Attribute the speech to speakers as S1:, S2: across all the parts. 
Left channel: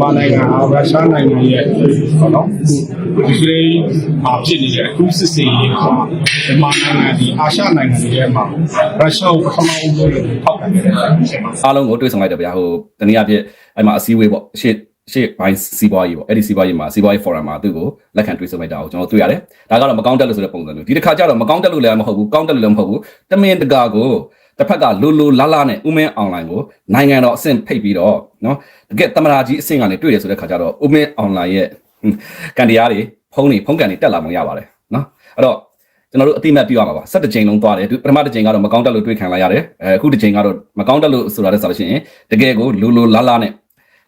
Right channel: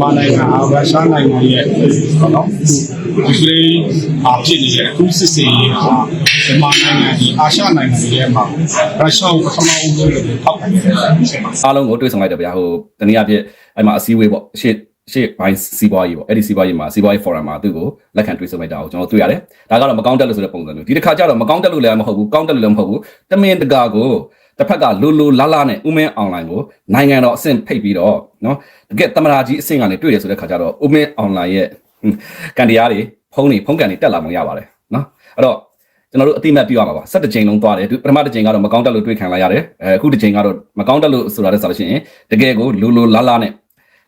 S1: မာနိုင်ငံအားရုရှားနိုင်ငံရဲ့ပေါ့နော်ဒီကလေးအဖြစ်နေတဲ့အခုစစ်စေးရေးဟာမြန်မာနိုင်ငံဒီအာရှနိုင်ငံတွေထဲမှာရုရှားကိုပထမဦးဆုံးထောက်ခံနေတဲ့ဖြစ်ပါ
S2: အားလုံးကိုတွေ့ဆုံလိုက်တယ်ဗျာဟိုတနည်းအားဖြင့်အဲ့မှာအစည်းအဝေးပေါ့ရှေ့ရှေ့ဘိုင်းစီးပွားရေးပေါ့အဲ့ဒီစီးပွားရေးမှာစီးပွားရေး forum မှာသူ့ကိုလက်ခံတွေ့ဆုံလိုက်တာကိုကျွန်တော်တွေ့ရတယ်ဒါကတော့မကောင်းတက်လို့ဆိုတဲ့ပုံစံမျိုးဒီတစ်ခါကျတော့မကောင်းတက်လို့လည်းမဟုတ်ဘူးကောင်းတက်လို့လည်းမဟုတ်ဘူးတမင်တကာကိုတစ်ဖက်ကလိုလိုလာလာနဲ့ဥမင်းအွန်လိုင်းကိုနိုင်ငံတော်အဆင့်ဖိတ်ပြီးတော့နော် တကယ်တမနာကြီးအဆင့်ကနေတွေ့ရဆိုတဲ့ခါကျတော့ဥမင်းအွန်လိုင်းရဲ့ကန်တရားတွေဖုန်းတွေဖုန်းကန်တွေတက်လာမှရပါတယ်နော်အဲ့တော့ကျွန်တော်တို့အတိမတ်ပြရမှာပါ၁၇ကြိမ်လုံးသွားတယ်ပထမတစ်ကြိမ်ကတော့မကောင်းတက်လို့တွေ့ခံလိုက်ရတယ်အဲအခုတစ်ကြိမ်ကတော့မကောင်းတက်လို့ဆိုတာလည်းဆိုလို့ရှိရင်တကယ်ကိုလိုလိုလာလာနဲ့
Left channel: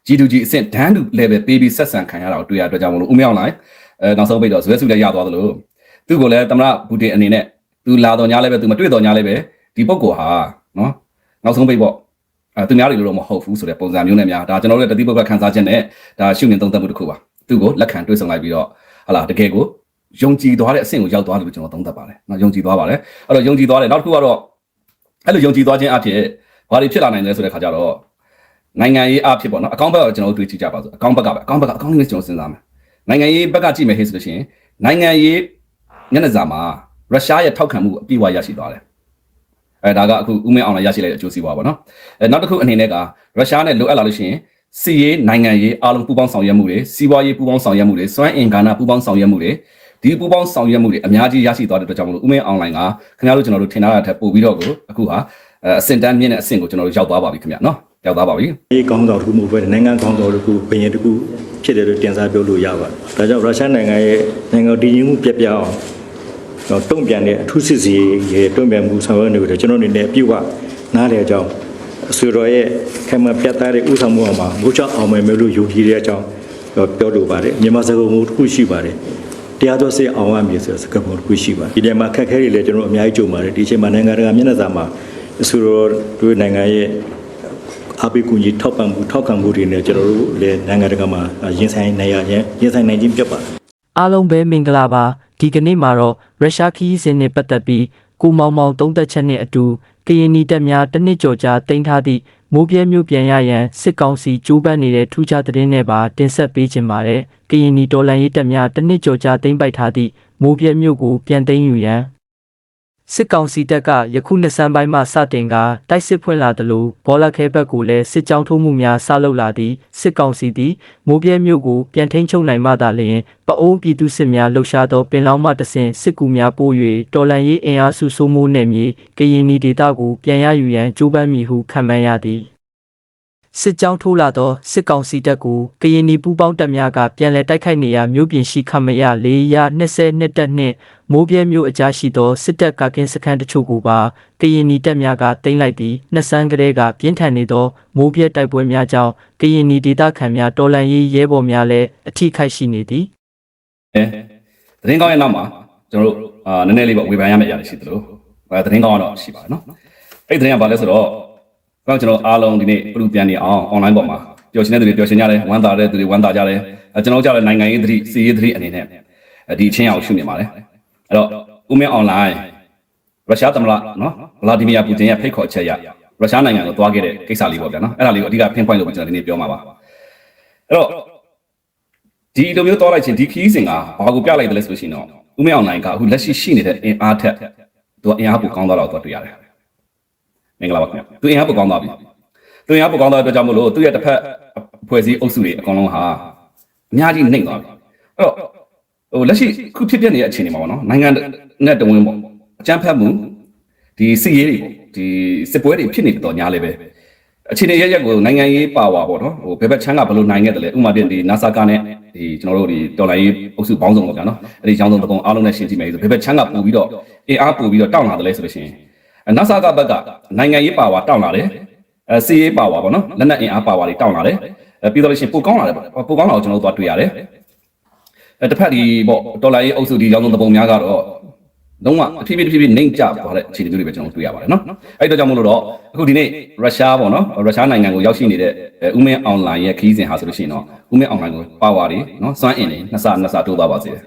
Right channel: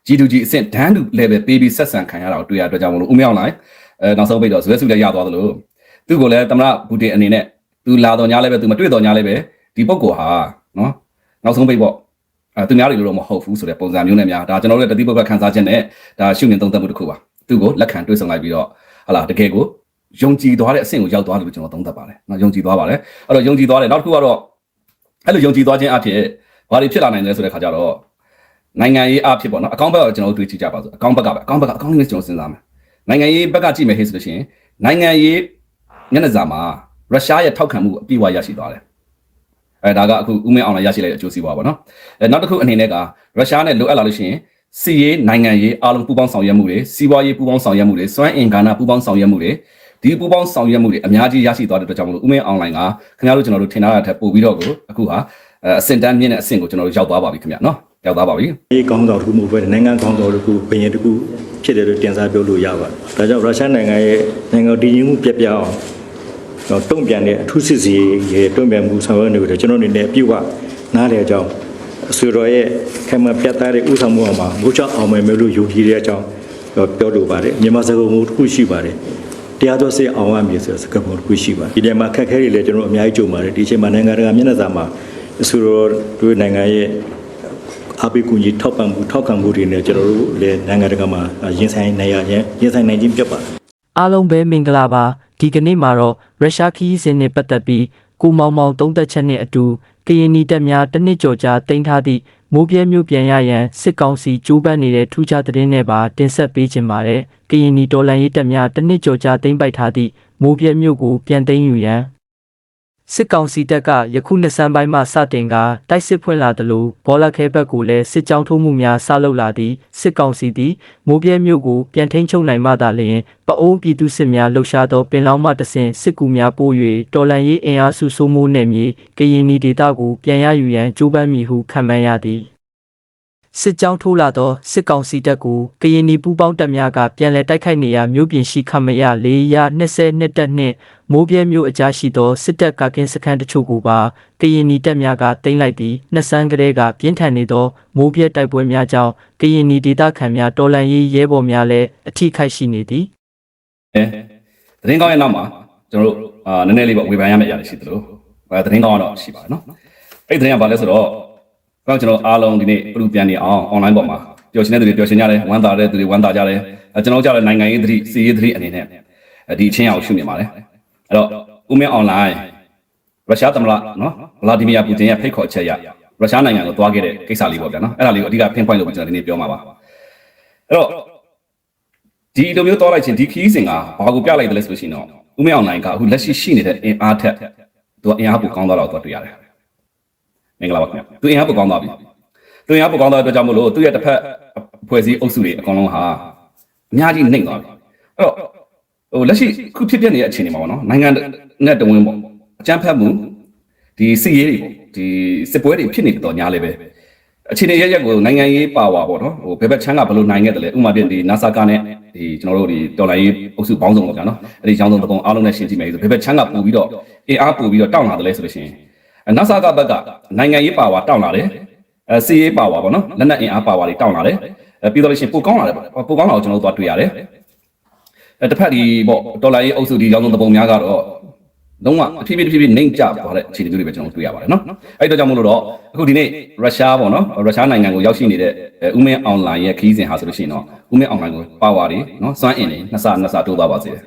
S2: G2G အဆင့်ဒန်းတူ level ပေးပြီးဆက်ဆံခံရတာကိုတွေ့ရတဲ့အတွက်ကြောင့်မလို့ဦးမြောင်းလိုက်အဲနောက်ဆုံးပိတ်တော့ဇွဲစုလည်းရသွားသလိုသူ့ကိုလည်းတမရဘူတေအနေနဲ့သူလာတော့ညာလည်းပဲသူမတွေ့တော့ညာလည်းပဲဒီပုဂ္ဂိုလ်ဟာနော်နောက်ဆုံးပိတ်ပေါ့ အဲသူများတွေလိုတော့မဟုတ်ဘူးဆိုတဲ့ပုံစံမျိုးနဲ့များဒါကျွန်တော်တို့ရဲ့တတိပုဂ္ဂခန်းစားခြင်းနဲ့ဒါရှုမြင်သုံးသပ်မှုတစ်ခုပါသူ့ကိုလက်ခံတွေ့ဆုံလိုက်ပြီးတော့ဟလာတကယ်ကိုယုံကြည်သွားတဲ့အဆင့်ကိုရောက်သွားတယ်လို့ကျွန်တော်သုံးသပ်ပါတယ်နော်ယုံကြည်သွားပါတယ်အဲ့တော့ယုံကြည်သွားတယ်နောက်တစ်ခုကတော့အဲ့လိုယုံကြည်သွားခြင်းအဖြစ်ဘာတွေဖြစ်လာနိုင်လဲဆိုတဲ့ခါကျတော့နိုင်ငံရေးအဖြစ်ပေါ့နော်အကောင့်ဘက်ကတော့ကျွန်တော်တို့တွေးကြည့်ကြပါစို့အကောင့်ဘက်ကပဲအကောင့်ဘက်ကအကောင့်လေးကျွန်တော်စဉ်းစားမယ်နိုင်ငံရေးဘက်ကကြည့်မယ်ဟဲ့ဆိုလို့ရှိရင်နိုင်ငံရေးညနေစာမှာရုရှားရဲ့ထောက်ခံမှုအပြည့်အဝရရှိသွားတယ် အဲဒါကအခုဥမင်းအောင်လည်းရရှိလိုက်တဲ့အကျိုးစီးပွားပေါ့နော်အဲနောက်တစ်ခုအနေနဲ့ကရုရှားနဲ့လိုအပ်လာလို့ရှိရင်စီရေးနိုင်ငံရေးအားလုံးပူးပေါင်းဆောင်ရွက်မှုတွေစီးပွားရေးပူးပေါင်းဆောင်ရွက်မှုတွေစွမ်းအင်ကဏ္ဍပူးပေါင်းဆောင်ရွက်မှုတွေဒီပူးပေါင်းဆောင်ရွက်မှုတွေအများကြီးရရှိသွားတဲ့အတွက်ကြောင့်မလို့ဥမင်းအောင်လိုင်းကခင်ဗျားတို့ကျွန်တော်တို့ထင်ထားတာထက်ပိုပြီးတော့ကိုအခုဟာအဆင့်တန်းမြင့်တဲ့အဆင့်ကိုကျွန်တော်တို့ရောက်သွားပါပြီခင်ဗျာနော်ရောက်သွားပါပြီ
S3: ဒီကောင်းဆောင်တစ်ခုမဟုတ်ဘဲနိုင်ငံကောင်းဆောင်တစ်ခုဘယင်တစ်ခုဖြစ်တယ်လို့တင်စားပြောလို့ရပါတယ်။ဒါကြောင့်ရုရှားနိုင်ငံရဲ့နိုင်ငံတည်ငြိမ်မှုပြက်ပြားအောင် တော့တုံ့ပြန်တဲ့အထူးစစ်စီရဲ့တုံ့ပြန်မှုဆောင်ရွက်နေတယ်ကျွန်တော်အနေနဲ့အပြည့်အဝနားလည်အကြောင်းအဆွေတော်ရဲ့ခံမပြတ်သားတဲ့ဥဆောင်မှုအောင်မှာငိုးချအောင်မယ်မယ်လို့ယုံကြည်တဲ့အကြောင်းပြောလိုပါတယ်။မြန်မာစကားပုံတစ်ခုရှိပါတယ်။တရားတော်စေအောင်ရမည်ဆိုတဲ့စကားပုံတစ်ခုရှိပါတယ်။ဒီထဲမှာခက်ခဲတွေလည်းကျွန်တော်အများကြီးကြုံပါတယ်။ဒီအချိန်မှာနိုင်ငံတကာမျက်နှာစာမှာအဆွေတော်တို့နိုင်ငံရဲ့အပိကူကြီးထောက်ပံ့မှုထောက်ခံမှုတွေနဲ့ကျွန်တော်တို့လည်းနိုင်ငံတကာမှာရင်ဆိုင်နိုင်ရရင်ရင်ဆိုင်နိုင်ခြင်းပြတ်ပါတယ်
S4: အားလုံးပဲမင်္ဂလာပါဒီကနေ့မှာတော့ရုရှားခီးစဉ်နဲ့ပတ်သက်ပြီးကိုမောင်မောင်သုံးသက်ချက်နဲ့အတူကရင်နီတပ်များတစ်နှစ်ကျော်ကြာတင်ထားသည့်မိုးပြဲမျိုးပြန်ရရန်စစ်ကောင်စီကြိုးပမ်းနေတဲ့ထူးခြားသတင်းတွေပါတင်ဆက်ပေးခြင်းပါတယ်ကရင်နီတော်လှန်ရေးတပ်များတစ်နှစ်ကျော်ကြာတင်ပိုက်ထားသည့်မိုးပြဲမျိုးကိုပြန်သိမ်းယူရန် စစ်ကောင်စီတပ်ကယခုနှစ်ဆန်းပိုင်းမှစတင်ကတိုက်စစ်ဖွင့်လာသလိုဘောလခဲဘက်ကိုလည်းစစ်ကြောင်းထိုးမှုများဆလုပ်လာသည့်စစ်ကောင်စီသည်မိုးပြဲမျိုးကိုပြန်ထိန်းချုပ်နိုင်မှသာလျှင်ပအိုးပြည်သူစစ်များလှုပ်ရှားသောပင်လောင်းမှတဆင်စစ်ကူများပို့၍တော်လန်ရေးအင်အားစုစိုးမိုးနယ်မြေကရင်နီဒေသကိုပြန်ရယူရန်ကြိုးပမ်းမည်ဟုခန့်မှန်းရသည် စစ်ကြောင်းထိုးလာသောစစ်ကောင်စီတပ်ကိုကရင်နီပူးပေါင်းတပ်များကပြန်လည်တိုက်ခိုက်နေရာမြို့ပြင်ရှိခမရ၄ရ22တပ်နှင့်မိုးပြဲမြို့အကြားရှိသောစစ်တပ်ကကင်းစခန်းတချို့ကိုပါကရင်နီတပ်များကတင်လိုက်ပြီးနှစ်ဆန်းကလေးကပြင်းထန်နေသောမိုးပြဲတိုက်ပွဲများကြောင့်ကရင်နီဒေသခံများတော်လှန်ရေးရဲဘော်များလည်းအထိခိုက်ရှိနေသည်
S2: အဲသတင်းကောင်းရဲ့နောက်မှာကျွန်တော်တို့အာနည်းနည်းလေးပေါ့ဝေဖန်ရမယ့်အရာရှိသလိုအဲသတင်းကောင်းတော့ရှိပါနော်အဲ့သတင်းကဘာလဲဆိုတော့ ကျွန်တော်အားလုံးဒီနေ့ပြုပြန်နေအောင် online ပေါ်မှာပျော်ရွှင်တဲ့သူတွေပျော်ရွှင်ကြတယ်ဝမ်းသာတဲ့သူတွေဝမ်းသာကြတယ်အဲကျွန်တော်ကြားတဲ့နိုင်ငံရေးသတိစီရေးသတိအနေနဲ့ဒီအချင်းအောင်ရှုမြင်ပါတယ်အဲ့တော့ဦးမင်း online ရုရှားသမ္မတနော်ဗလာဒီမီယာပူတင်ရဲ့ဖိတ်ခေါ်ချက်အရရုရှားနိုင်ငံကိုသွားခဲ့တဲ့ကိစ္စလေးပေါ့ဗျာနော်အဲ့ဒါလေးကိုအဓိက pinpoint လုပ်ပြီးကျွန်တော်ဒီနေ့ပြောမှာပါအဲ့တော့ဒီလိုမျိုးသွားလိုက်ချင်းဒီခီးစဉ်ကဘာကိုပြလိုက်တယ်လဲဆိုလို့ရှိရင်တော့ဦးမြောင်နိုင်ကအခုလက်ရှိရှိနေတဲ့အင်အားထက်သူကအင်အားပိုကောင်းသွားတော့သူတွေ့ရတယ်။ မင်္ဂလာပါခင်ဗျာ။သူအင်အားပိုကောင်းသွားပြီ။သူအင်အားပိုကောင်းသွားတဲ့အတွက်ကြောင့်မလို့သူရဲ့တစ်ဖက်အဖွဲ့အစည်းအုပ်စုတွေအကောင်လုံးဟာအများကြီးနှိမ့်သွားပြီ။အဲ့တော့ဟိုလက်ရှိခုဖြစ်တဲ့နေတဲ့အခြေအနေမှာပေါ့နော်နိုင်ငံနဲ့တဝင်းပေါ့အကြမ်းဖက်မှုဒီစစ်ရေးဒီစစ်ပွဲတွေဖြစ်နေတော့ညားလေပဲအခြေအနေရရက်ကိုနိုင်ငံရေးပါဝါပေါ့နော်ဟိုဘယ်ဘက်ချမ်းကဘယ်လိုနိုင်ခဲ့တယ်လဲဥပမာတင်ဒီ NASA ကနဲ့ဒီကျွန်တော်တို့ဒီတော်လိုင်းရေးအုပ်စုပေါင်းစုံပေါ့ဗျာနော်အဲ့ဒီရောင်းစုံတကုံအားလုံးနဲ့ရှင်းကြည့်မယ်ဆိုဘယ်ဘက်ချမ်းကပို့ပြီးတော့အင်အားပို့ပြီးတော့တောင်းလာတယ်လဲဆိုလို့ရှိရင် NASA ကဘက်ကနိုင်ငံရေးပါဝါတောင်းလာတယ်အဲစီရေးပါဝါပေါ့နော်လက်နက်အင်အားပါဝါတွေတောင်းလာတယ်အဲပြီးတော့လို့ရှိရင်ပိုကောင်းလာတယ်ပေါ့ပိုကောင်းလာကိုကျွန်တော်တို့သွားတွေ့ရတယ်အဲတစ်ဖက်ဒီပေါ့တော်လိုင်းရေးအုပ်စုဒီရောင်းစုံတကုံများကတော့လုံးဝတဖြည်းဖြည်းတဖြည်းဖြည်းနှိမ့်ကျသွားတဲ့အခြေအနေမျိုးတွေပဲကျွန်တော်တွေ့ရပါတယ်နော်အဲ့ဒါကြောင့်မို့လို့တော့အခုဒီနေ့ရုရှားပေါ့နော်ရုရှားနိုင်ငံကိုရောက်ရှိနေတဲ့ဥမင်းအွန်လိုင်းရဲ့ခရီးစဉ်ဟာဆိုလို့ရှိရင်တော့ဥမင်းအွန်လိုင်းကိုပါဝါတွေနော်စွမ်းအင်တွေနှစ်ဆနှစ်ဆတိုးသွားပါစေတယ်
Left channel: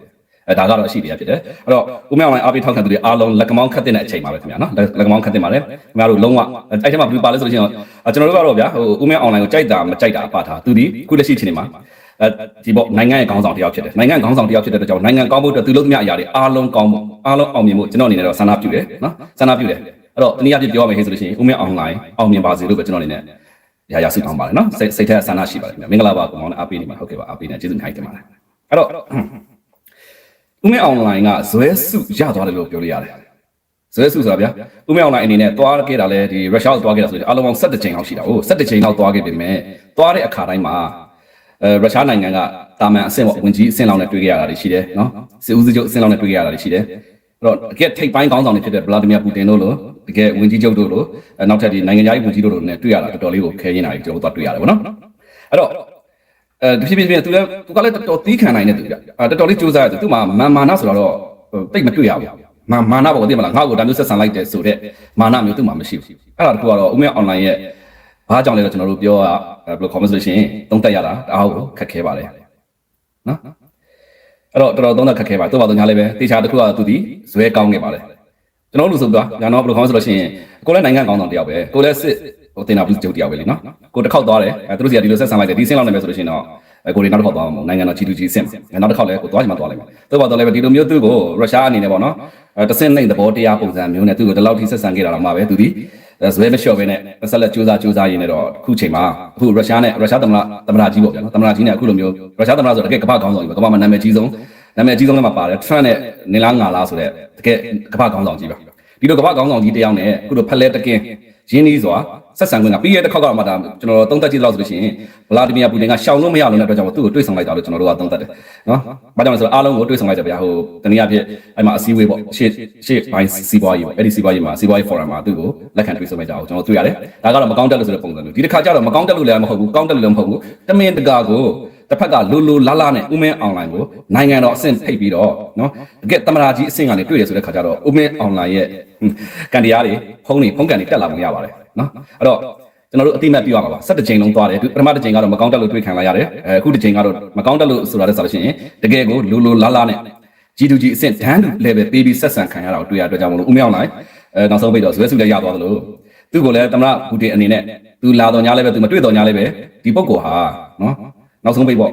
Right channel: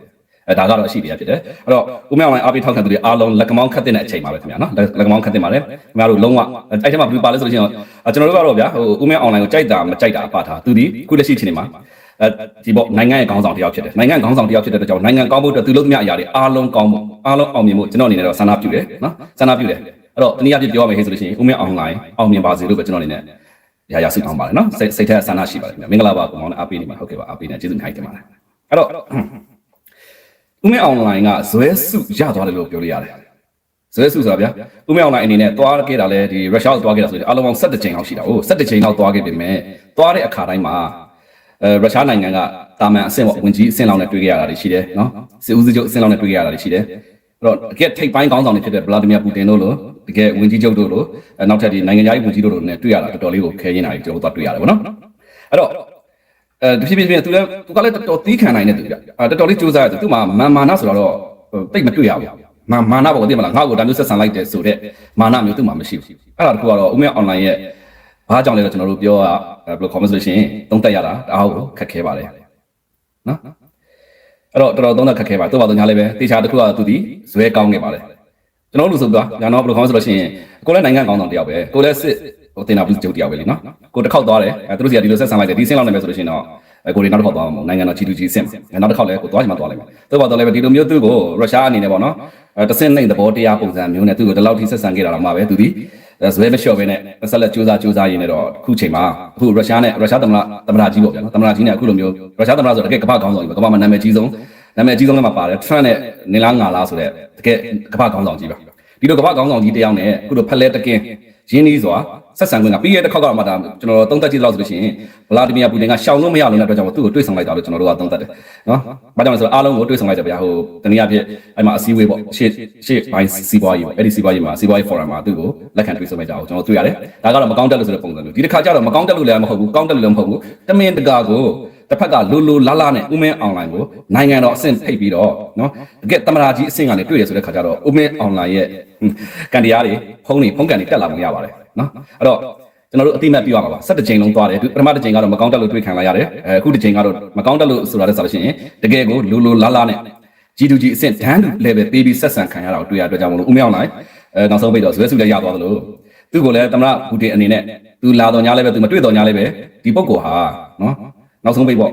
S2: အဲ့ဒါကြောင့်ရှိပြဖြစ်တယ်ဥမင်းအွန်လိုင်းအားဖြင့်ထောက်ခံသူတွေအားလုံးလက်ကမောင်းခတ်တဲ့အချိန်ပါပဲခင်ဗျာ နော်လက်မောင်းခတ်တယ်ပါလေဘယ်လိုလုံးဝတိုက်ချင်ပါဘူးပါလဲဆိုလို့ရှိရင်ကျွန်တော်တို့ကတော့ဗျာဟိုဦးမဲ online ကိုကြိုက်တာမကြိုက်တာပါထားသူဒီခုလက်ရှိအချိန်မှာအဲဒီပေါ့နိုင်ငံရဲ့ခေါင်းဆောင်တစ်ယောက်ဖြစ်တယ်နိုင်ငံခေါင်းဆောင်တစ်ယောက်ဖြစ်တဲ့အတွက်ကြောင့်နိုင်ငံကောင်းဖို့အတွက်သူလုပ်သမျှအရာတွေအားလုံးကောင်းဖို့အားလုံးအောင်မြင်ဖို့ကျွန်တော်အနေနဲ့တော့ဆန္ဒပြုတယ်နော်ဆန္ဒပြုတယ်အဲ့တော့တနည်းအားဖြင့်ပြောရမယ်ဟဲ့ဆိုလို့ရှိရင်ဦးမဲ online အောင်မြင်ပါစေလို့ပဲကျွန်တော်အနေနဲ့ရာရာစိတ်ကောင်းပါတယ်နော်စိတ်စိတ်ထဲဆန္ဒရှိပါတယ်ခင်ဗျာမင်္ဂလာပါကောင်မောင်နဲ့အားပေးနေမှာဟုတ်ကဲ့ပါအားပေးနေကျေးဇူးများတင်ပါတယ်အဲ့တော့ဦးမဲ online ကဇွဲစုရသွားတယ်လို့ပြောလို့ရတယ် ဇွဲစုဆိုတာဗျာဦးမဲ online အနေနဲ့သွားခဲ့တာလဲဒီရုရှားကိုသွားခဲ့တာဆိုရင်အလုံးပေါင်း17ချိန်လောက်ရှိတာဟုတ်17ချိန်လောက်သွားခဲ့ပြီမဲ့သွားတဲ့အခါတိုင်းမှာအဲရုရှားနိုင်ငံကတာမန်အဆင့်ပေါ့ဝင်ကြီးအဆင့်လောက်နဲ့တွေ့ခဲ့ရတာတွေရှိတယ်နော်စစ်ဦးစီးချုပ်အဆင့်လောက်နဲ့တွေ့ခဲ့ရတာတွေရှိတယ်အဲ့တော့တကယ်ထိပ်ပိုင်းခေါင်းဆောင်တွေဖြစ်တဲ့ဗလာဒီမီယာပူတင်တို့လိုတကယ်ဝင်ကြီးချုပ်တို့လိုအဲနောက်ထပ်ဒီနိုင်ငံသားရေးဝင်ကြီးတို့လိုနဲ့တွေ့ရတာတော်တော်လေးကိုခဲရင်တာတွေကျွန်တော်တို့တွေ့ရတယ်ပေါ့နော်အဲ့တော့အဲတဖြည်းဖြည်းဖြည်းသူလည်းသူကလည်းတော်တော်သီးခံနိုင်တဲ့သူကြအာတော်တော်လေးစူးစမ်းတယ်သူမှမာမာနဆိုတော့တိတ်မတွေ့ရဘူး မာမာနပေါ့သိမလားငါ့ကိုဒါမျိုးဆက်ဆံလိုက်တယ်ဆိုတော့မာနမျိုးသူ့မှာမရှိဘူးအဲ့ဒါတခုကတော့ဦးမင်း online ရဲ့အားကြောင့်လည်းကျွန်တော်တို့ပြောရဘယ်လို conversation တုံးတက်ရတာဒါဟုတ်ခက်ခဲပါတယ်နော်အဲ့တော့တော်တော်သုံးသက်ခက်ခဲပါသူ့ဘာသူညာလေးပဲတေချာတစ်ခုကသူဒီဇွဲကောင်းနေပါတယ်ကျွန်တော်တို့ဆိုတော့ညာတော့ဘယ်လိုခေါင်းဆိုလို့ရှိရင်ကိုလည်းနိုင်ငံကောင်းတော့တယောက်ပဲကိုလည်းစစ်ဟိုတင်တာပြီးကျုပ်တယောက်ပဲလေနော်ကိုတစ်ခေါက်သွားတယ်သူတို့စီကဒီလိုဆက်ဆံလိုက်တယ်ဒီစင်းလောက်နေမယ်ဆိုလို့ရှိရင်တော့ကိုလေးနောက်တစ်ခေါက်သွားမှာနိုင်ငံတော် G2G စင်နောက်တစ်ခေါက်လည်းကိုသွားချင်မှသွားလိုက်မှာသူ့ဘာတော့လည်းဒီလိုမျိုးသူ့ကိုရုရှားအနေနဲ့ပေါ့နော်အဲ တဆင့်လိုက်သဘောတရားပုံစံမျိုးနဲ့သူ့ကိုဒီလောက်ထိဆက်ဆံခဲ့တာတော့မှပဲသူဒီဇွဲမလျှော့ပဲနဲ့ဆက်လက်စူးစမ်းစူးစမ်းရင်းနဲ့တော့အခုချိန်မှာအခုရုရှားနဲ့ရုရှားသမ္မတသမ္မတကြီးပေါ့ဗျာနော်သမ္မတကြီးနဲ့အခုလိုမျိုးရုရှားသမ္မတဆိုတော့တကယ်ကမ္ဘာကောင်းဆောင်ကြီးပဲကမ္ဘာမှာနာမည်ကြီးဆုံးနာမည်ကြီးဆုံးလည်းမှာပါတယ် Trump နဲ့နေလားငါလားဆိုတဲ့တကယ်ကမ္ဘာကောင်းဆောင်ကြီးပါဒီလိုကမ္ဘာကောင်းဆောင်ကြီးတယောက်နဲ့အခုလိုဖက်လဲတကင်း ရင်းနှီးစွာဆက်ဆံခွင့်ကပြီးရတဲ့ခေါက်ကတော့မှဒါကျွန်တော်သုံးသက်ကြည့်လို့ဆိုလို့ရှိရင်ဗလာဒီမီယာပူတင်ကရှောင်လို့မရလို့တဲ့အတွက်ကြောင့်သူ့ကိုတွေးဆောင်လိုက်တာလို့ကျွန်တော်တို့ကသုံးသက်တယ်နော်။ဘာကြောင့်လဲဆိုတော့အားလုံးကိုတွေးဆောင်လိုက်တယ်ဗျာဟိုတနည်းအားဖြင့်အဲ့မှာအစည်းအဝေးပေါ့ရှေ့ရှေ့ဘိုင်းစီးပွားရေးပေါ့အဲ့ဒီစီးပွားရေးမှာစီးပွားရေး forum မှာသူ့ကိုလက်ခံတွေးဆောင်လိုက်ကြအောင်ကျွန်တော်တွေ့ရတယ်။ဒါကတော့မကောင်းတက်လို့ဆိုတဲ့ပုံစံမျိုးဒီတစ်ခါကျတော့မကောင်းတက်လို့လည်းမဟုတ်ဘူးကောင်းတက်လို့လည်းမဟုတ်ဘူးတမင်တကာကို တစ်ဖက်ကလိုလိုလာလာနဲ့ဥမင်းအွန်လိုင်းကိုနိုင်ငံတော်အဆင့်ဖိတ်ပြီးတော့နော်တကယ်တမရာကြီးအဆင့်ကနေတွေ့ရဆိုတဲ့ခါကျတော့ဥမင်းအွန်လိုင်းရဲ့ကန်တရားတွေဖုန်းတွေဖုန်းကန်တွေတက်လာမှရပါတယ်နော်အဲ့တော့ကျွန်တော်တို့အတိမတ်ပြရပါပါ17ချိန်လုံးသွားတယ်ပထမတစ်ချိန်ကတော့မကောင်းတက်လို့တွေ့ခံလိုက်ရတယ်အဲအခုတစ်ချိန်ကတော့မကောင်းတက်လို့ဆိုတာလည်းဆိုလို့ရှိရင်တကယ်ကိုလိုလိုလာလာနဲ့ G2G အဆင့်ဒန်းတူ level ပေးပြီးဆက်ဆံခံရတာကိုတွေ့ရတဲ့အတွက်ကြောင့်မလို့ဥမင်းအွန်လိုင်းအဲနောက်ဆုံးပိတ်တော့ဇွဲစုလည်းရသွားသလိုသူ့ကိုလည်းတမရဘူတင်အနေနဲ့သူလာတော့ညာလည်းပဲသူမတွေ့တော့ညာလည်းပဲဒီပုဂ္ဂိုလ်ဟာနော် နောက်ဆုံးပိတ်ပေါ့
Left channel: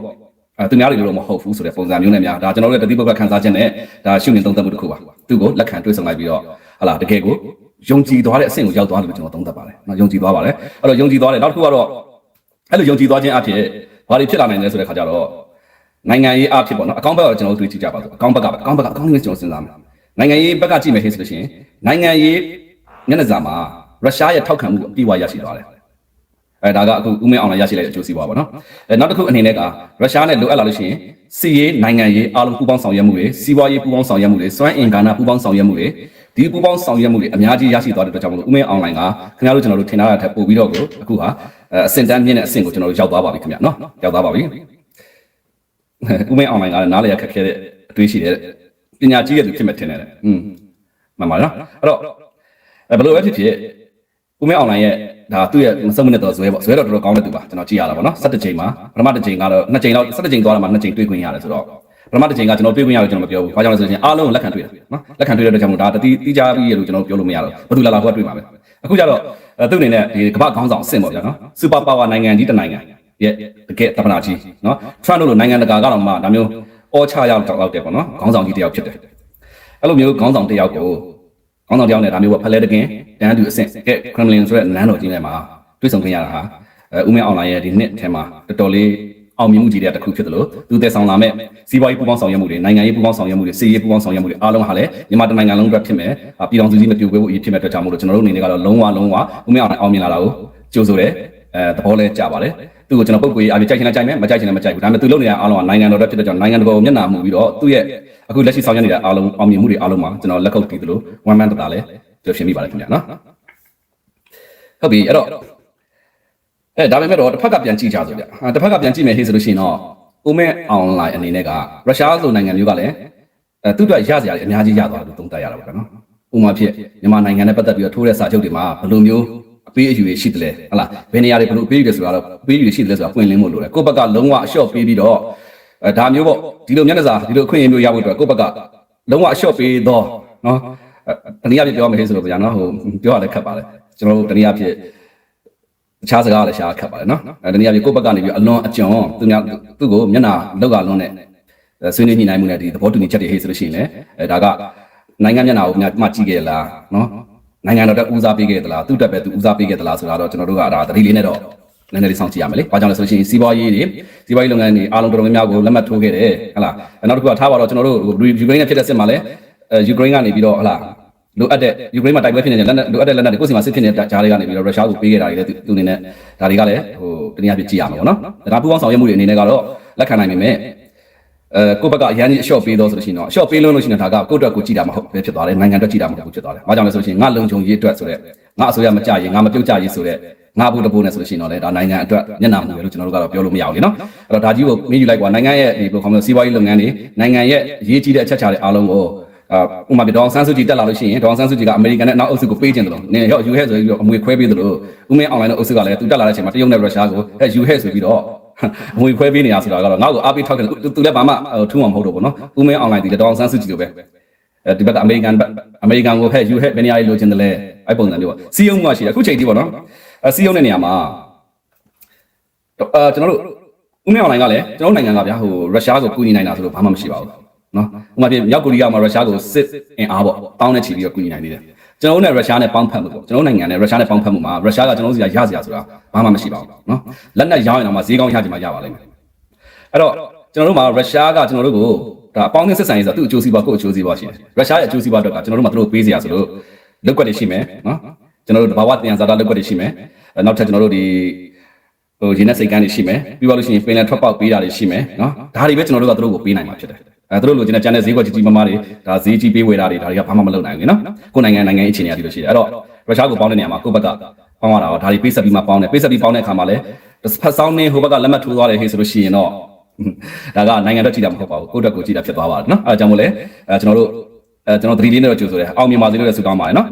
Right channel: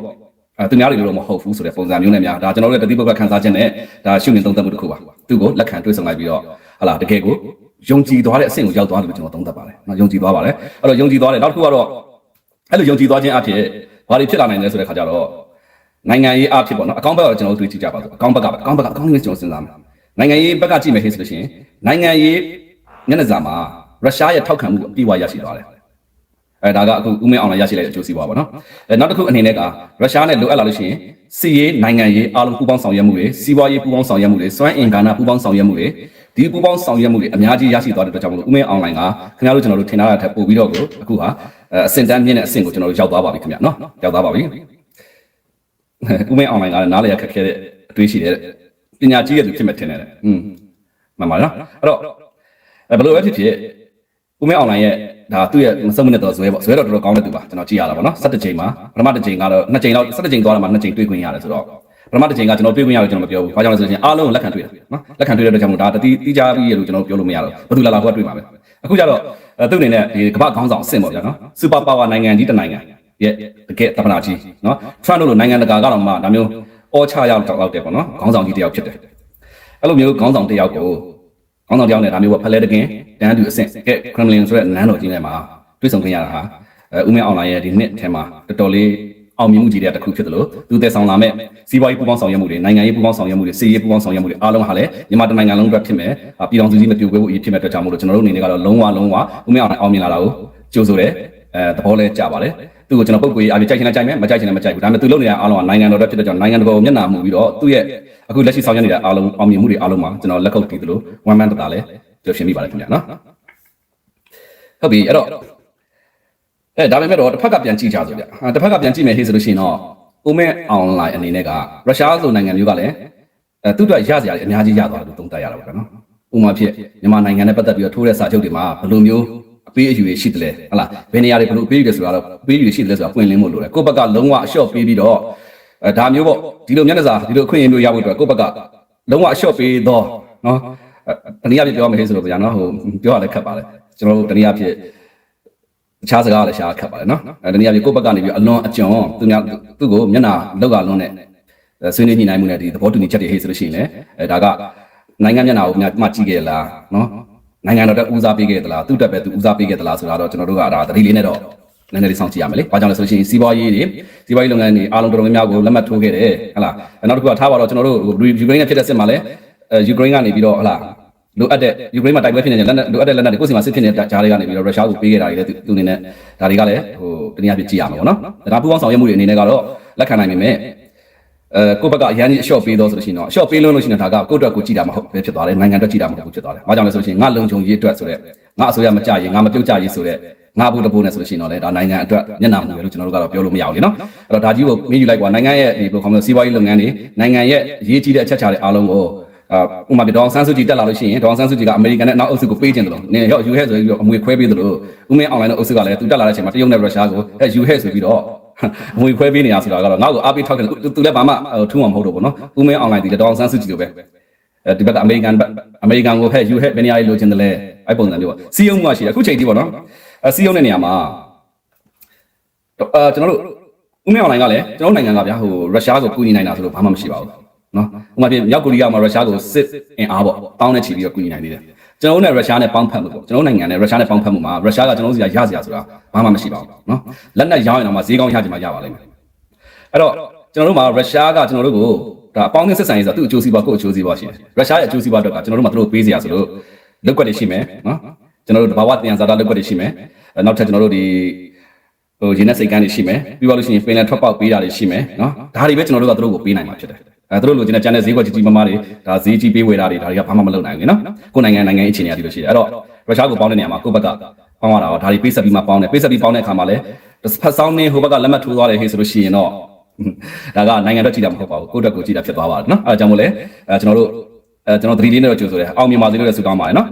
S2: အဲသူများတွေလို့မဟုတ်ဘူးဆိုတဲ့ပုံစံမျိုးနဲ့များဒါကျွန်တော်တို့ရဲ့တတိပုဂ္ဂခံစားချက်နဲ့ဒါရှုမြင်သုံးသပ်မှုတစ်ခုပါသူ့ကိုလက်ခံတွေ့ဆုံလိုက်ပြီးတော့ဟလာတကယ်ကိုယုံကြည်သွားတဲ့အဆင့်ကိုရောက်သွားတယ်လို့ကျွန်တော်သုံးသပ်ပါတယ်နော်ယုံကြည်သွားပါတယ်အဲ့တော့ယုံကြည်သွားတယ်နောက်တစ်ခုကတော့အဲ့လိုယုံကြည်သွားခြင်းအပြင်ဘာတွေဖြစ်လာနိုင်လဲဆိုတဲ့ခါကျတော့နိုင်ငံရေးအဖြစ်ပေါ့နော်အကောင့်ဘက်ကတော့ကျွန်တော်တို့တွေ့ကြည့်ကြပါစို့အကောင့်ဘက်ကပဲအကောင့်ဘက်ကအကောင့်လေးကျွန်တော်စဉ်းစားမယ်နိုင်ငံရေးဘက်ကကြည့်မယ်ဆိုလို့ရှိရင်နိုင်ငံရေးမျက်နှာစာမှာရုရှားရဲ့ထောက်ခံမှုအပြည့်အဝရရှိတယ် အဲဒါကအခုဥမဲအောင်လည်းရရှိလိုက်တဲ့အကျိုးစီးပွားပါနော်အဲနောက်တစ်ခုအနေနဲ့ကရုရှားနဲ့လိုအပ်လာလို့ရှိရင်စီးရေးနိုင်ငံရေးအားလုံးပူးပေါင်းဆောင်ရွက်မှုတွေစီးပွားရေးပူးပေါင်းဆောင်ရွက်မှုတွေစွမ်းအင်ကာနာပူးပေါင်းဆောင်ရွက်မှုတွေဒီပူးပေါင်းဆောင်ရွက်မှုတွေအများကြီးရရှိသွားတဲ့အတွက်ကြောင့်မလို့ဥမဲအွန်လိုင်းကခင်ဗျားတို့ကျွန်တော်တို့ထင်ထားရတဲ့ပို့ပြီးတော့ကိုအခုဟာအဆင့်တန်းမြင့်တဲ့အဆင့်ကိုကျွန်တော်တို့ရောက်သွားပါပြီခင်ဗျာနော်ရောက်သွားပါပြီဥမဲအွန်လိုင်းကလည်းနားလည်ရခက်ခဲတဲ့အတွေးရှိတဲ့ပညာကြီးရဲ့သူဖြစ်မဲ့ထင်တယ်อืมမှန်ပါနော်အဲ့တော့ဘယ်လိုပဲဖြစ်ဖြစ် ဦးမဲအွန်လိုင်းရဲ့ဒါသူ့ရဲ့မစုံမနဲ့တော့ဇွဲပေါ့ဇွဲတော့တော်တော်ကောင်းတဲ့သူပါကျွန်တော်ကြည့်ရတာပေါ့နော်17ချိန်မှာပထမတစ်ချိန်ကတော့2ချိန်တော့17ချိန်သွားတယ်မှာ2ချိန်တွေ့ခွင့်ရတယ်ဆိုတော့ပထမတစ်ချိန်ကကျွန်တော်တွေ့ခွင့်ရတယ်ကျွန်တော်မပြောဘူး။ဘာကြောင့်လဲဆိုရင်အားလုံးလက်ခံတွေ့တယ်နော်။လက်ခံတွေ့တဲ့အတွက်ကြောင့်မို့ဒါတတိတိကျပြီးရလို့ကျွန်တော်ပြောလို့မရတော့ဘူး။ဘာလို့လာလာဟိုကတွေ့ပါလဲ။အခုကျတော့သူ့အနေနဲ့ဒီကမ္ဘာခေါင်းဆောင်အဆင့်ပေါ့ဗျာနော်။စူပါပါဝါနိုင်ငံကြီးတစ်နိုင်ငံရဲ့တကယ်တကယ်ကြီးနော်။ Trump တို့လိုနိုင်ငံတကာကတော့မှဒါမျိုးအောချရောက်တောက်လောက်တယ်ပေါ့နော်။ခေါင်းဆောင်ကြီးတယောက်ဖြစ်တယ်။အဲ့လိုမျိုးခေါင်းဆောင်တယောက်ကို ခေါင်းဆောင်တယောက်နဲ့ဒါမျိုးပေါ့ဖလဲတကင်တန်းသူအဆင့်ကဲ Kremlin ဆိုတဲ့နန်းတော်ကြီးထဲမှာတွေ့ဆုံခွင့်ရတာဟာအဲဦးမင်းအွန်လိုင်းရဲ့ဒီနှစ်ထဲမှာတော်တော်လေးအောင်မြင်မှုကြီးတဲ့တစ်ခုဖြစ်တယ်လို့သူတည်ဆောင်လာမဲ့စီးပွားရေးပူးပေါင်းဆောင်ရွက်မှုတွေနိုင်ငံရေးပူးပေါင်းဆောင်ရွက်မှုတွေစီးရေးပူးပေါင်းဆောင်ရွက်မှုတွေအားလုံးဟာလည်းမြန်မာတိုင်းနိုင်ငံလုံးအတွက်ဖြစ်မယ်ပြည်တော်စုကြီးမပြိုကွဲဖို့အရေးဖြစ်မဲ့အတွက်ကြောင့်မို့လို့ကျွန်တော်တို့အနေနဲ့ကတော့လုံးဝလုံးဝဦးမင်းအောင်မြင်လာတာကိုကြိုးဆိုတယ်အဲသဘောလေးကြပါတယ်သူ့ကိုကျွန်တော်ပုတ်ကွေးအားဖြင့်ကြိုက်ချင်တာကြိုက်မယ်မကြိုက်ချင်တာမကြိုက်ဘူးဒါပေမဲ့သူလုပ်နေတဲ့အားလုံးကနိုင်ငံတော်တက်ဖြစ်တဲ့ကြောင့်နိုင်ငံတော်ကိုမျက်နှာမူပြီးတော့သူ့ရဲ့ အခုလက်ရှိဆောင်ရွက်နေတဲ့အားလုံးအောင်မြင်မှုတွေအားလုံးမှာကျွန်တော်လက်ခုပ်တီးသလို one man တတာလည်းပြောရှင်းမိပါတယ်ခင်ဗျာနော်ဟုတ်ပြီအဲ့တော့အဲဒါပေမဲ့တော့တစ်ဖက်ကပြန်ကြည့်ကြဆိုဗျအဲတစ်ဖက်ကပြန်ကြည့်မယ်ဟေးဆိုလို့ရှိရင်တော့ဦးမဲအွန်လိုင်းအနေနဲ့ကရုရှားလိုနိုင်ငံမျိုးကလည်းအဲသူ့အတွက်ရစရာတွေအများကြီးရသွားတယ်လို့သုံးသပ်ရတာပါနော်ဥမာဖြစ်မြန်မာနိုင်ငံနဲ့ပတ်သက်ပြီးတော့ထိုးတဲ့စာချုပ်တွေမှာဘယ်လိုမျိုးအပေးအယူတွေရှိတယ်လဲဟုတ်လားဘယ်နေရာတွေဘယ်လိုအပေးအယူတွေဆိုတာတော့အပေးအယူရှိတယ်ဆိုတာပွင့်လင်းမှုလို့လေကိုယ့်ဘက်ကလုံးဝအလျှော့ပေးပြီးတော့ အဲဒါမျိုးပေါ့ဒီလိုမျက်နှာစာဒီလိုအခွင့်အရေးမျိုးရဖို့အတွက်ကိုယ့်ဘက်ကလုံးဝအလျှော့ပေးတော့နော်တနည်းအားဖြင့်ပြောမယ်ဆိုလို့ဗျာနော်ဟိုပြောရလဲခက်ပါလေကျွန်တော်တို့တနည်းအားဖြင့်အခြားစကားလည်းရှားခက်ပါတယ်နော်အဲတနည်းအားဖြင့်ကိုယ့်ဘက်ကနေပြီးအလွန်အကျွံသူများသူ့ကိုမျက်နှာလောက်ကလွန်တဲ့အဲဆွေးနွေးညှိနှိုင်းမှုနဲ့ဒီသဘောတူညီချက်တွေဟေ့ဆိုလို့ရှိရင်လည်းအဲဒါကနိုင်ငံမျက်နှာကိုများမှကြည့်ခဲ့လားနော်နိုင်ငံတော်တက်ဦးစားပေးခဲ့သလားသူ့တက်ပဲသူဦးစားပေးခဲ့သလားဆိုတာတော့ကျွန်တော်တို့ကဒါတတိလေးနဲ့တော့ နည်းနည်းလေးစောင့်ကြည့်ရမယ်လေ။ဘာကြောင့်လဲဆိုလို့ရှိရင်စီးပွားရေးတွေစီးပွားရေးလုပ်ငန်းတွေအားလုံးတော်တော်များများကိုလက်မှတ်ထိုးခဲ့တယ်ဟဟလား။နောက်တစ်ခုကထားပါတော့ကျွန်တော်တို့ယူကရိန်းနဲ့ဖြစ်တဲ့စစ်မှာလည်းအဲယူကရိန်းကနေပြီးတော့ဟဟလားလိုအပ်တဲ့ယူကရိန်းမှာတိုက်ပွဲဖြစ်နေတဲ့လက်နက်လိုအပ်တဲ့လက်နက်တွေကိုယ်စီမှာစစ်ဖြစ်နေတဲ့ဂျားတွေကနေပြီးတော့ရုရှားကိုပေးခဲ့တာတွေလည်းသူသူအနေနဲ့ဒါတွေကလည်းဟိုတနည်းအားဖြင့်ကြည့်ရမှာပေါ့နော်။ဒါပူပေါင်းဆောင်ရွက်မှုတွေအနေနဲ့ကတော့လက်ခံနိုင်ပေမဲ့အဲကိုယ့်ဘက်ကအရန်ကြီးအလျှော့ပေးတော့ဆိုလို့ရှိရင်တော့အလျှော့ပေးလို့လို့ရှိရင်ဒါကကိုယ့်အတွက်ကိုကြည့်တာမဟုတ်ပဲဖြစ်သွားတယ်နိုင်ငံအတွက်ကြည့်တာမဟုတ်ဘူးဖြစ်သွားတယ်။ဘာကြောင့်လဲဆိုလို့ရှိရင်ငါလုံခြုံရေးအတွက်ဆိုတဲ့ငါအစိုးရမကြရင်ငါမပြုတ်ကြရေးဆိုတဲ့ ငါဘူးတပူနဲ့ဆိုလို့ရှိရင်တော့လေဒါနိုင်ငံအတွက်ညနာမှုပဲလို့ကျွန်တော်တို့ကတော့ပြောလို့မရဘူးလေနော်။အဲ့တော့ဒါကြီးကိုမေးယူလိုက်ကွာနိုင်ငံရဲ့ဒီဘယ်လိုခေါ်မလဲစီးပွားရေးလုပ်ငန်းတွေနိုင်ငံရဲ့ရေးကြီးတဲ့အချက်ချာတွေအားလုံးကိုအာဥပမာပြဒေါအောင်ဆန်းစုကြည်တက်လာလို့ရှိရင်ဒေါအောင်ဆန်းစုကြည်ကအမေရိကန်နဲ့နောက်အုပ်စုကိုပေးခြင်းတယ်လို့နင်ရောယူဟဲ့ဆိုပြီးတော့အမွေခွဲပေးတယ်လို့ဥမင်းအွန်လိုင်းနဲ့အုပ်စုကလည်းသူတက်လာတဲ့အချိန်မှာတရုတ်နဲ့ရုရှားကိုအဲယူဟဲ့ဆိုပြီးတော့အမွေခွဲပေးနေရဆိုတာကတော့နောက်ကိုအားပေးထောက်တယ်သူလည်းဘာမှထူးအောင်မဟုတ်တော့ဘူးနော်ဥမင်းအွန်လိုင်းဒီဒေါအောင်ဆန်းစုကြည်လိုပဲဒီဘက်ကအမေရိကန်အမေရိကန်ကိုဟဲ့ယူဟဲ့ဘယ်နေရာလိုချင်တယ်လဲအဲ့ပုံစံလေးပေါ့စီယုံမှရှိတယ်အခုချိန်ထိပေါ့နော် အဲစီယုံတဲ့နေရာမှာအာကျွန်တော်တို့ဥမင်းအွန်လိုင်းကလည်းကျွန်တော်နိုင်ငံကဗျာဟိုရုရှားကိုကူညီနိုင်တာဆိုလို့ဘာမှမရှိပါဘူးနော်ဥပမာပြမြောက်ကိုရီးယားမှာရုရှားကိုစစ်အင်အားပေါ့တောင်းနဲ့ချီပြီးတော့ကူညီနိုင်သေးတယ်ကျွန်တော်တို့နဲ့ရုရှားနဲ့ပေါင်းဖက်မှုပေါ့ကျွန်တော်နိုင်ငံနဲ့ရုရှားနဲ့ပေါင်းဖက်မှုမှာရုရှားကကျွန်တော်တို့စီကရစရာဆိုတာဘာမှမရှိပါဘူးနော်လက်နက်ရောင်းရင်တော့မှဈေးကောင်းရကြမှာရပါလိမ့်မယ်အဲ့တော့ကျွန်တော်တို့မှာရုရှားကကျွန်တော်တို့ကိုဒါအပေါင်းနဲ့ဆက်ဆံရေးဆိုတော့သူ့အကျိုးစီးပွားကိုယ့်အကျိုးစီးပွားရှိတယ်ရုရှားရဲ့အကျိုးစီးပွားတော့ကကျွန်တော်တို့မှာသူတို့ပေးစရာဆိုလို့လောက်ွက်တွေရှိမယ်နော် ကျွန်တော်တို့တဘာဝတရားစားတော့လောက်ွက်တွေရှိမယ်နောက်ထပ်ကျွန်တော်တို့ဒီဟိုရင်းနဲ့စိတ်ကန်းတွေရှိမယ်ပြီးတော့လို့ရှိရင်ပင်လယ်ထွက်ပေါက်ပေးတာတွေရှိမယ်နော်ဒါတွေပဲကျွန်တော်တို့ကသူတို့ကိုပေးနိုင်မှာဖြစ်တယ်အဲသူတို့လိုချင်တဲ့ကျန်တဲ့ဈေးကွက်ကြီးကြီးမားမားတွေဒါဈေးကြီးပေးဝယ်တာတွေဒါတွေကဘာမှမလုပ်နိုင်ဘူးနော်ကိုယ်နိုင်ငံနိုင်ငံရေးအခြေအနေတွေလို့ရှိတယ်အဲ့တော့ရုရှားကိုပေါင်းတဲ့နေရာမှာကိုယ့်ဘက်ကပေါင်းရတာတော့ဒါတွေပေးဆက်ပြီးမှပေါင်းတယ်ပေးဆက်ပြီးပေါင်းတဲ့အခါမှာလည်းဖတ်ဆောင်နေဟိုဘက်ကလက်မှတ်ထိုးသွားတယ်ခေဆိုလို့ရှိရင်တော့ဒါကနိုင်ငံအတွက်ကြည့်တာမဖြစ်ပါဘူးကိုယ့်အတွက်ကိုကြည့်တာဖြစ်သွားပါတယ်နော်အဲဒါကြောင့်မို့လဲအဲကျွန်တော်တို့အဲကျွန်တော်သတိလေးနဲ့တော့ကြိုးဆိုတယ်အောင်မြင်ပါစေလို့လည်းဆုတောင်းပါတယ်နော်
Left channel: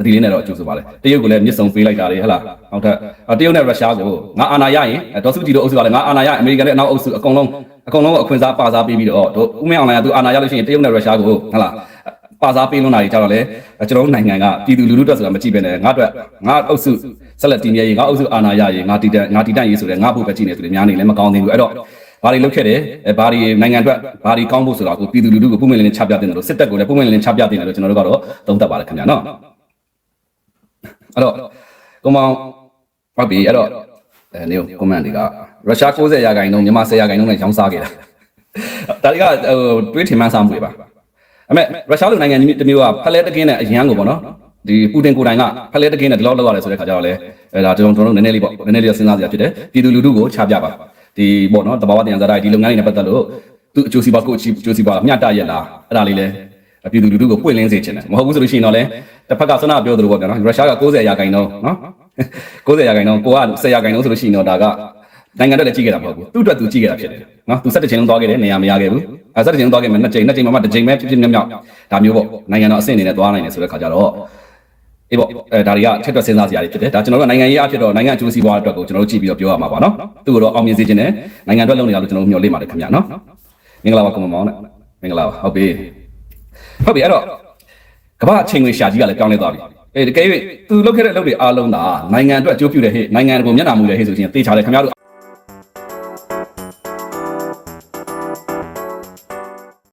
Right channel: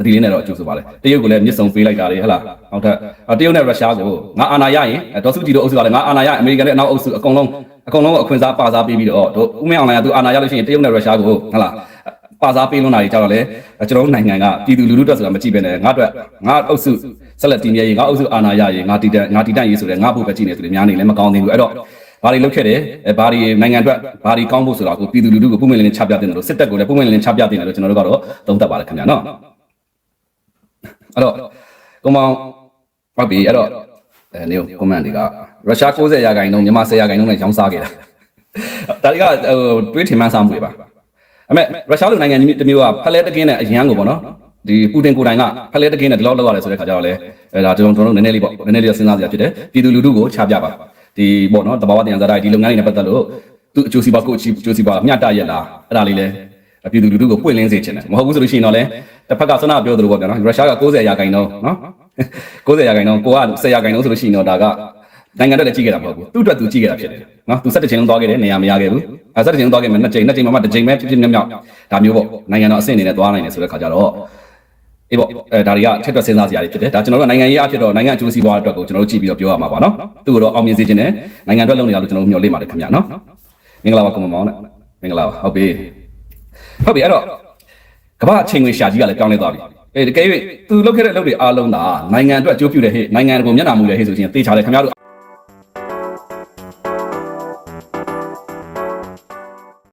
S2: သတိလေးနဲ့တော့ကြိုးဆိုပါလေတရုတ်ကလည်းမျက်စုံပေးလိုက်တာလေဟဟလားနောက်ထပ်တရုတ်နဲ့ရုရှားကိုငါအာဏာရရင်ဒေါ်စုကြည်တို့အုပ်စုကလည်းငါအာဏာရရင်အမေရိကန်နဲ့နောက်အုပ်စုအကုန်လုံးအကုန်လုံးအခွင့်အစားပါစားပေးပြီးတော့တို့ဥမင်းအောင်လိုင်းကသူအာဏာရလို့ရှိရင်တရုတ်နဲ့ရုရှားကိုဟဟလားပါစားပေးလွန်းတာတွေကြတော့လေကျွန်တော်တို့နိုင်ငံကပြည်သူလူထုတက်ဆိုတာမကြည့်ပဲနဲ့ငါအတွက်ငါအုပ်စုဆက်လက်တည်မြဲရေးငါအုပ်စုအာဏာရရေးငါတည်တဲ့ငါတည်တတ်ရေးဆိုတဲ့ငါဘုတ်ပဲကြည့်နေသူတွေများနေလည်းမကောင်းသေးဘူးအဲ့တော့ဘာတွေလုပ်ခဲ့တယ်အဲဘာတွေနိုင်ငံအတွက်ဘာတွေကောင်းဖို့ဆိုတာကိုပြည်သူလူထုကိုပုံမှန်လင်းလင်းချပြတင်တယ်လို့စစ်တပ်ကိုလည်းပုံမှန်လင်းလင်းချပြတင်တယ်လို့ကျွန်တော်တို့ကတော့သုံးသပ်ပါတယ်ခင်ဗျာနော် အဲ့တော့ကွန်မန်ဟုတ်ပြီအဲ့တော့အဲနေကွန်မန်တွေကရုရှား90ရာခိုင်နှုန်းမြန်မာ10ရာခိုင်နှုန်းနဲ့ခေါင်းစားတယ်ဒါတွေကဟိုတွေးထင်မှန်းစားမှုတွေပါအမေရုရှားလိုနိုင်ငံကြီးတစ်မျိုးကဖလဲတကင်းနဲ့အရန်ကိုပေါ့နော်ဒီပူတင်ကိုယ်တိုင်ကဖလဲတကင်းနဲ့ဒီလောက်လောက်ရတယ်ဆိုတဲ့ခါကျတော့လေအဲဒါကျွန်တော်တို့နည်းနည်းလေးပေါ့နည်းနည်းလေးစဉ်းစားစရာဖြစ်တယ်ပြည်သူလူထုကိုချပြပါဒီပေါ့နော်တဘာဝတရားစားတိုင်းဒီလုပ်ငန်းတွေနဲ့ပတ်သက်လို့သူအကျိုးစီးပွားကိုအကျိုးစီးပွားမျှတရလားအဲ့ဒါလေးလေးပြည်သူလူထုကိုပွင့်လင်းစေချင်တယ်မဟုတ်ဘူးဆိုလို့ရှိရင်တော့လေ တစ်ဖက်ကဆွမ်းနာပြောသလိုပေါ့ဗျာနော်ရုရှားက90ရာခိုင်နှုန်းနော်90ရာခိုင်နှုန်းကိုက10ရာခိုင်နှုန်းဆိုလို့ရှိရင်တော့ဒါကနိုင်ငံအတွက်လည်းကြည့်ခဲ့တာမဟုတ်ဘူးသူ့အတွက်သူကြည့်ခဲ့တာဖြစ်တယ်နော်သူ17ချိန်လုံးသွားခဲ့တယ်နေရာမရခဲ့ဘူးအဲ17ချိန်လုံးသွားခဲ့မယ်နှစ်ချိန်နှစ်ချိန်မှတစ်ချိန်ပဲဖြစ်ဖြစ်မြောက်မြောက်ဒါမျိုးပေါ့နိုင်ငံတော်အဆင့်အနေနဲ့သွားနိုင်တယ်ဆိုတဲ့ခါကျတော့အေးပေါ့အဲဒါတွေကထက်တွက်စဉ်းစားစရာတွေဖြစ်တယ်ဒါကျွန်တော်တို့နိုင်ငံရေးအဖြစ်တော့နိုင်ငံအကျိုးစီးပွားအတွက်ကိုကျွန်တော်တို့ကြည့်ပြီးတော့ပြောရမှာပါနော်သူ့ကိုတော့အောင်မြင်စေချင်တယ်နိုင်ငံအတွက်လုပ်နေတာလို့ကျွန်တော်တို့မျှော်လင့်ပါတယ်ခင်ဗျာနော်မင်္ဂလာပါကွန်မောင်နဲ့မင်္ဂလာပါဟုတ်ပြီဟုတ်ပြီအဲ့တော့ ကမ္ဘာအချိန်တွေရှာကြီးကလည်းပြောင်းလဲသွားပြီအဲတကယ်၍သူလုပ်ခဲ့တဲ့အလုပ်တွေအားလုံးကနိုင်ငံအတွက်အကျိုးပြုတယ်ဟဲ့နိုင်ငံကိုမျက်နှာမူတယ်ဟဲ့ဆိုရင်သေချာတယ်ခင်ဗျားတို့